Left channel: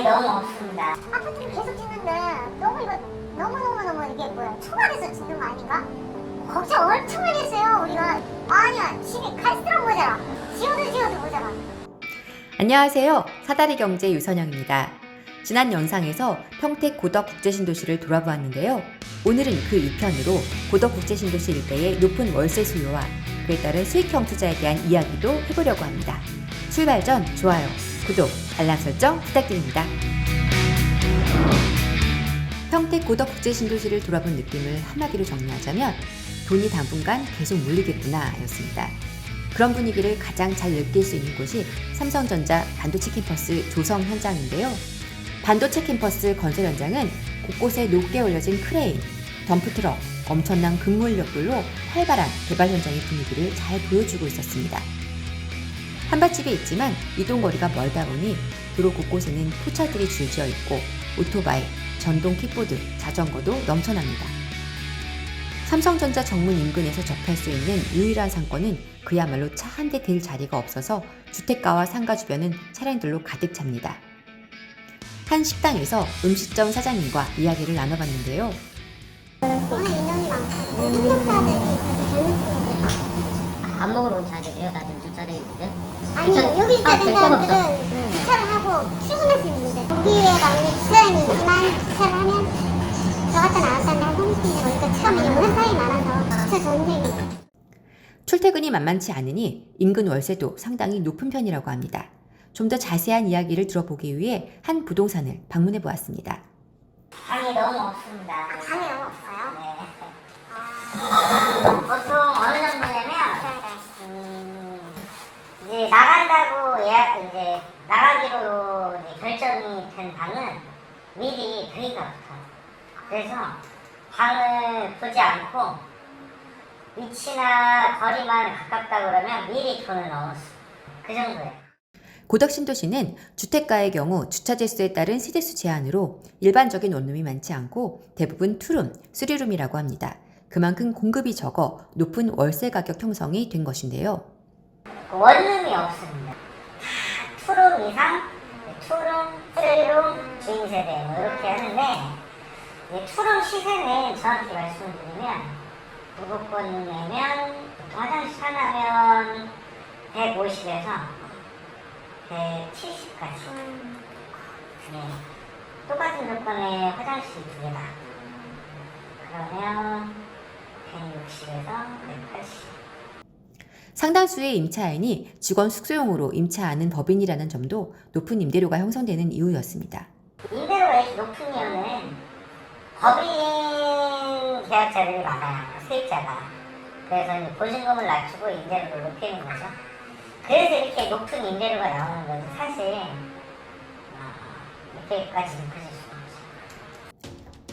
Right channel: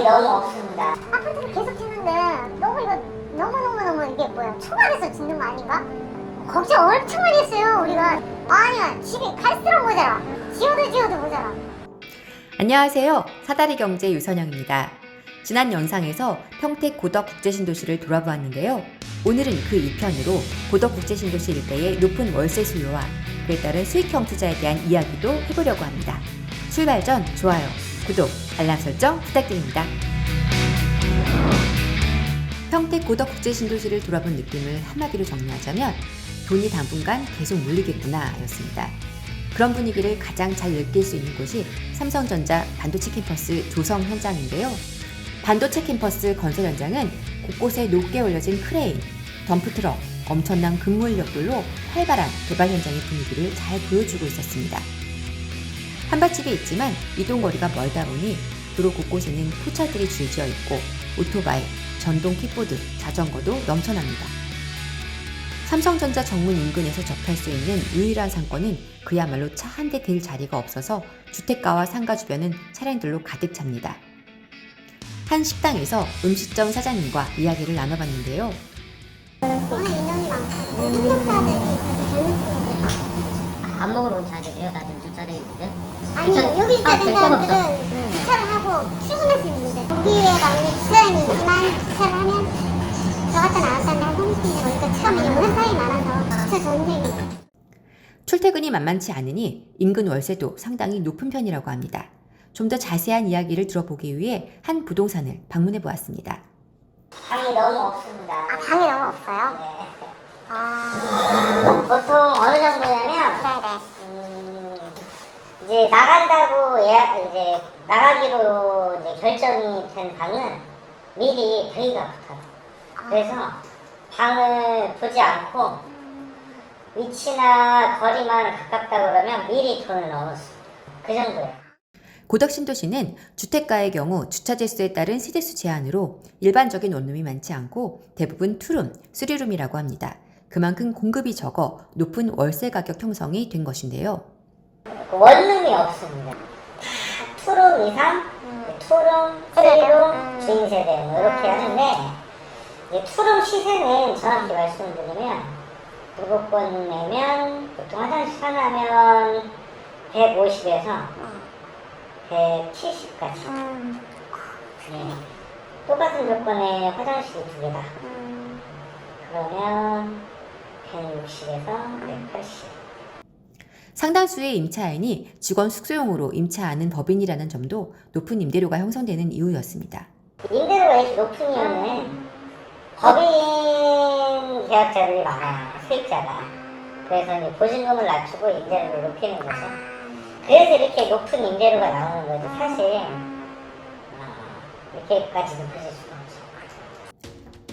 방이 너무 없습니다. 아파트를 계속 짓는데 너무 이거 너무 이게 뭐야 초반에서 짓는 거 아닌가? 걱정 엄청 많이 했어요 우리가. 아니야 집이 갈수록 모자라. 지어도 모자라. 안녕하세요. 사다리경제 유선영입니다. 지난 영상에서 평택 고덕국제신도시를 돌아보았는데요. 오늘은 그 2편으로 고덕국제신도시 일대의 높은 월세 수요와 그에 따른 수익형 투자에 대한 이야기도 해보려고 합니다. 출발 전 좋아요, 구독, 알람 설정 부탁드립니다. 평택 고덕국제신도시를 돌아본 느낌을 한마디로 정리하자면 돈이 당분간 계속 몰리겠구나 였습니다. 그런 분위기를 가장 잘 느낄 수 있는 곳이 삼성전자 반도체 캠퍼스 조성 현장인데요. 반도체 캠퍼스 건설 현장은 곳곳에 높게 올려진 크레인, 덤프트럭, 엄청난 근무인력들로 활발한 개발 현장의 분위기를 잘 보여주고 있었습니다. 한밭집에 있지만 이동거리가 멀다 보니 도로 곳곳에는 포차들이 줄지어 있고 오토바이, 전동 킥보드, 자전거도 넘쳐납니다. 삼성전자 정문 인근에서 접할 수 있는 유일한 상권은 그야말로 차 한 대 댈 자리가 없어서 주택가와 상가 주변은 차량들로 가득 찹니다. 한 식당에서 음식점 사장님과 이야기를 나눠봤는데요. 워낙 인원이 많고 한국사람들이 안 먹으러 온 차들이에요? 다들 주차돼 있는데? 아니 여기 있는 사람들은 주차를 하고 출근할 수 있는데 거기에 만약에 주차장이 있지만 주차를 하면 들어갔다 나왔다 한 30분 걸리니까 처음에 오는 사람이 많아서 주차 전쟁이. 출퇴근이 만만치 않으니 인근 월세도 상당히 높은 편이라고 합니다. 좀 더 자세한 이야기를 들어보기 위해 한 부동산을 방문해 보았습니다. 방이 너무 없습니다. 아 방이 너무 없어요? 네. 아 보통 어느 정도냐면 네네. 이제 나간다고 이제 나가기로 이제 결정이 된 방은 미리 대기가 붙어요. 그래서 방을 보지 않고 위치나 거리만 가깝다 그러면 미리 돈을 넣어줘. 그 정도예요. 고덕신도시는 주택가의 경우 주차재 수에 따른 세대수 제한으로 일반적인 원룸이 많지 않고 대부분 투룸, 쓰리룸이라고 합니다. 그만큼 공급이 적어 높은 월세 가격 형성이 된 것인데요. 원룸이 없습니다. 투룸 이상, 투룸, 쓰리룸, 주인세대 뭐 이렇게 하는데 이 투룸 시세는 정확히 말씀드리면 7번 내면 보통 화장실 하나면 150에서 170까지. 네. 똑같은 조건에 화장실이 2개다. 그러면 160에서 180. 상당수의 임차인이 직원 숙소용으로 임차하는 법인이라는 점도 높은 임대료가 형성되는 이유였습니다. 임대료가 이렇게 높은 이유는 법인 계약자들이 많아요. 세입자가. 그래서 이제 보증금을 낮추고 임대료를 높이는 거죠. 그래서 이렇게 높은 임대료가 나오는 거지. 사실 이렇게까지 높아질 수는 없죠.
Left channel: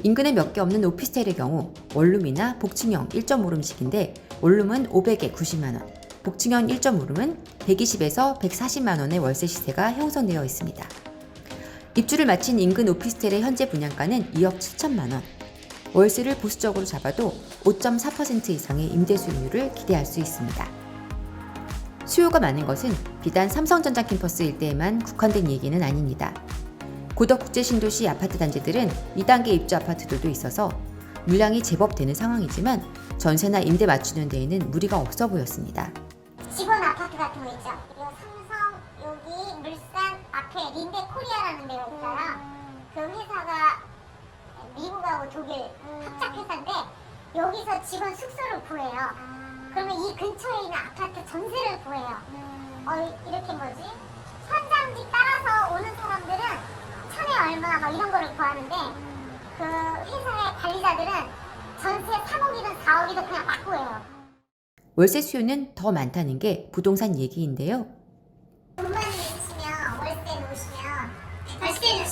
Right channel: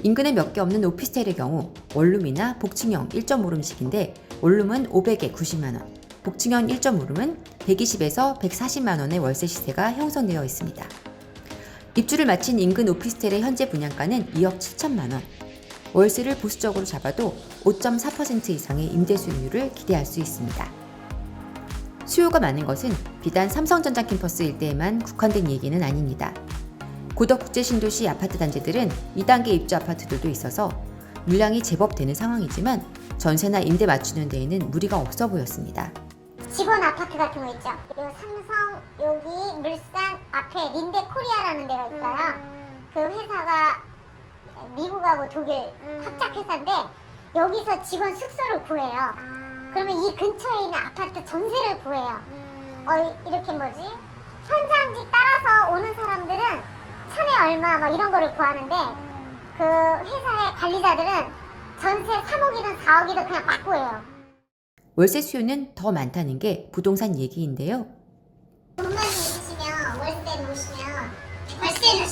인근에 몇 개 없는 오피스텔의 경우 원룸이나 복층형 1.5룸씩인데 원룸은 500에 90만원, 복층형 1.5룸은 120에서 140만원의 월세 시세가 형성되어 있습니다. 입주를 마친 인근 오피스텔의 현재 분양가는 2억 7천만원. 월세를 보수적으로 잡아도 5.4% 이상의 임대 수익률을 기대할 수 있습니다. 수요가 많은 것은 비단 삼성전자 캠퍼스 일대에만 국한된 얘기는 아닙니다. 고덕국제신도시 아파트 단지들은 2단계 입주 아파트들도 있어서 물량이 제법 되는 상황이지만 전세나 임대 맞추는 데에는 무리가 없어 보였습니다. 직원 아파트 같은 거 있죠? 그리고 삼성 여기 물산 앞에 린데 코리아라는 데가 있어요. 그 회사가 미국하고 독일 합작 회사인데 여기서 직원 숙소를 구해요. 그러면 이 근처에 있는 아파트 전세를 구해요. 이렇게 뭐지? 현장지 따라서 오는 사람들은 천에 얼마 막 이런 거를 구하는데 그 회사의 관리자들은 전세 3억이든 4억이든 그냥 막 구해요. 월세 수요는 더 많다는 게 부동산 얘기인데요. 돈만 있으시면 월세를 오시면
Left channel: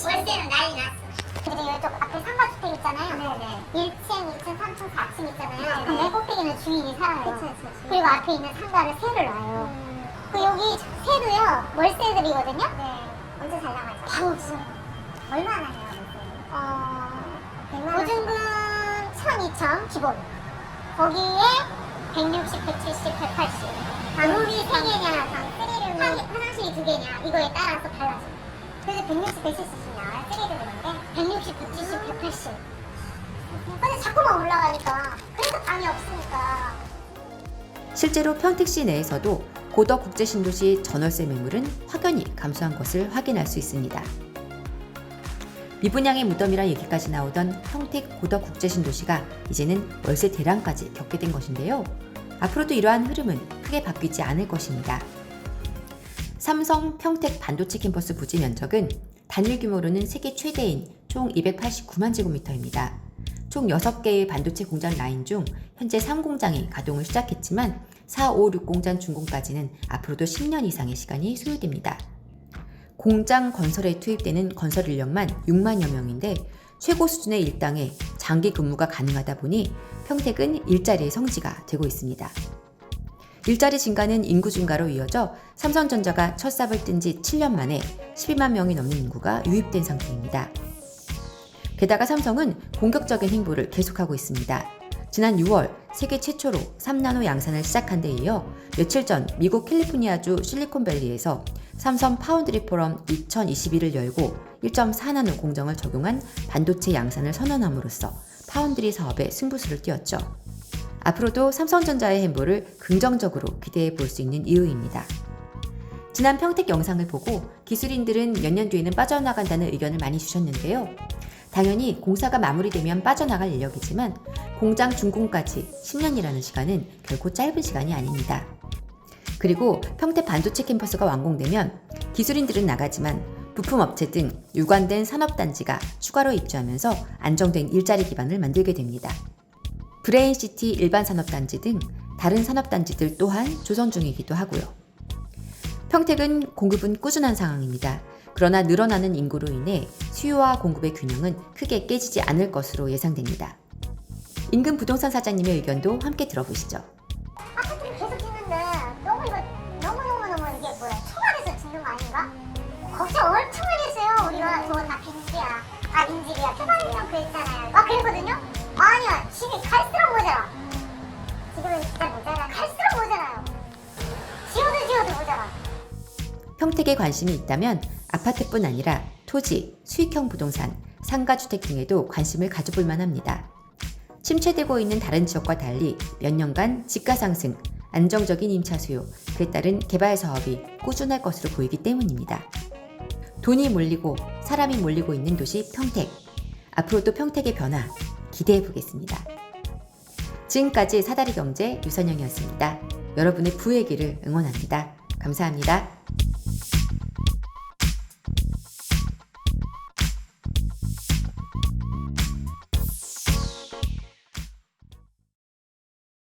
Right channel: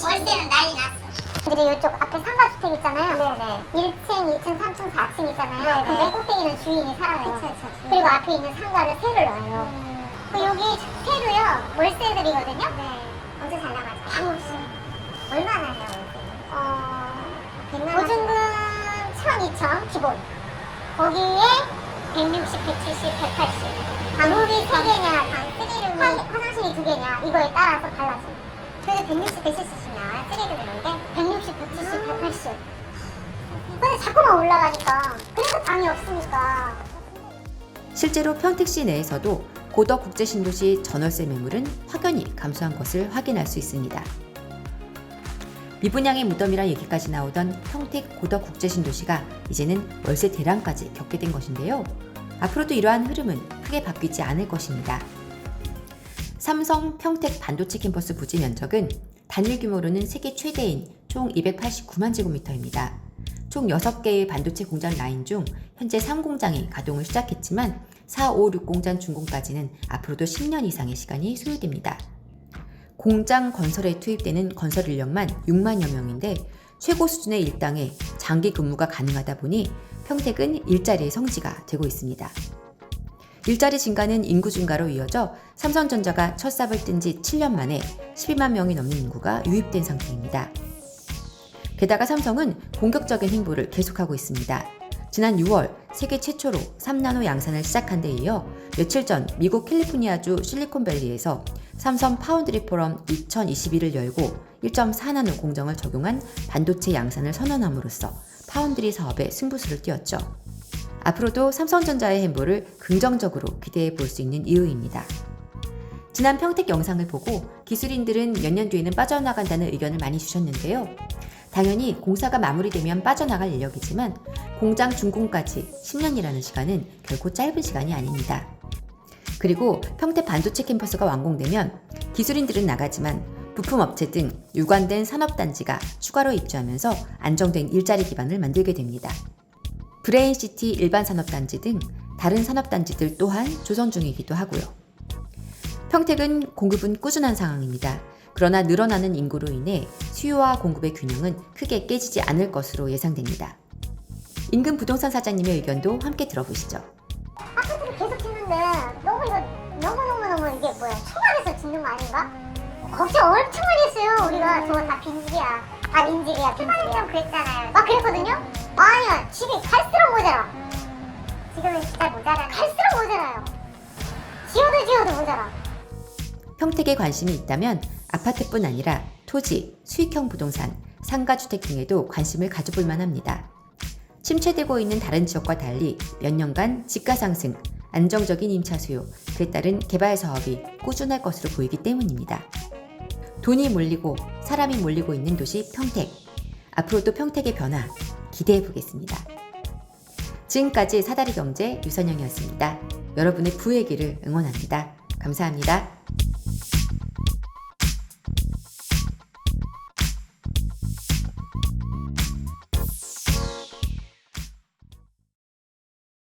월세는 난리 났어. 그리고 이쪽 앞에 상가주택 있잖아요. 네네. 1층, 2층, 3층, 4층 있잖아요. 근데 꼭대기는 주인이 살아요. 그리고 앞에 있는 상가를 세를 놔요. 그 여기 세도요 월세들이거든요. 네. 엄청 잘 나가죠. 150. 얼마나요? 100만 원. 보증금 1,000, 2,000 기본. 거기에 160, 170, 180. 방문이 3개냐, 방 3룸이 화장실이 2개냐 이거에 따라서 달라집니다. 그래서 160, 170이면 쓰게 되는데 160, 170, 180. 근데 자꾸만 올라가니까 그래서 방이 없으니까. 실제로 평택시 내에서도 고덕 국제신도시 전월세 매물은 확연히 감소한 것을 확인할 수 있습니다. 미분양의 무덤이라 얘기까지 나오던 평택 고덕 국제신도시가 이제는 월세 대란까지 겪게 된 것인데요. 앞으로도 이러한 흐름은 크게 바뀌지 않을 것입니다. 삼성 평택 반도체 캠퍼스 부지 면적은 단일 규모로는 세계 최대인 총 289만 제곱미터입니다. 총 6개의 반도체 공장 라인 중 현재 3공장이 가동을 시작했지만 4, 5, 6공장 준공까지는 앞으로도 10년 이상의 시간이 소요됩니다. 공장 건설에 투입되는 건설 인력만 6만여 명인데 최고 수준의 일당에 장기 근무가 가능하다 보니 평택은 일자리의 성지가 되고 있습니다. 일자리 증가는 인구 증가로 이어져 삼성전자가 첫 삽을 뜬 지 7년 만에 12만 명이 넘는 인구가 유입된 상태입니다. 게다가 삼성은 공격적인 행보를 계속하고 있습니다. 지난 6월 세계 최초로 3나노 양산을 시작한 데 이어 며칠 전 미국 캘리포니아주 실리콘밸리에서 삼성 파운드리 포럼 2021을 열고 1.4나노 공정을 적용한 반도체 양산을 선언함으로써 파운드리 사업에 승부수를 띄웠죠. 앞으로도 삼성전자의 행보를 긍정적으로 기대해 볼 수 있는 이유입니다. 지난 평택 영상을 보고 기술인들은 몇 년 뒤에는 빠져나간다는 의견을 많이 주셨는데요. 당연히 공사가 마무리되면 빠져나갈 인력이지만 공장 준공까지 10년이라는 시간은 결코 짧은 시간이 아닙니다. 그리고 평택 반도체 캠퍼스가 완공되면 기술인들은 나가지만 부품업체 등 유관된 산업단지가 추가로 입주하면서 안정된 일자리 기반을 만들게 됩니다. 브레인시티 일반산업단지 등 다른 산업단지들 또한 조성 중이기도 하고요. 평택은 공급은 꾸준한 상황입니다. 그러나 늘어나는 인구로 인해 수요와 공급의 균형은 크게 깨지지 않을 것으로 예상됩니다. 인근 부동산 사장님의 의견도 함께 들어보시죠. 아파트를 계속 짓는데 너무 이게 뭐야? 초반에서 짓는 거 아닌가? 걱정 엄청 많이 했어요. 우리가 저거 다 빈집이야. 다 민집이야. 초반에는 그랬잖아요. 아 그랬거든요? 아니야. 집이 갈수록 모자라. 지금은 진짜 모자라. 갈수록 모자라요. 지어도 모자라. 평택에 관심이 있다면 아파트뿐 아니라 토지, 수익형 부동산, 상가주택 등에도 관심을 가져볼 만합니다. 침체되고 있는 다른 지역과 달리 몇 년간 집가 상승, 안정적인 임차 수요, 그에 따른 개발 사업이 꾸준할 것으로 보이기 때문입니다. 돈이 몰리고 사람이 몰리고 있는 도시 평택. 앞으로도 평택의 변화 기대해 보겠습니다. 지금까지 사다리경제 유선영이었습니다. 여러분의 부의 길을 응원합니다. 감사합니다.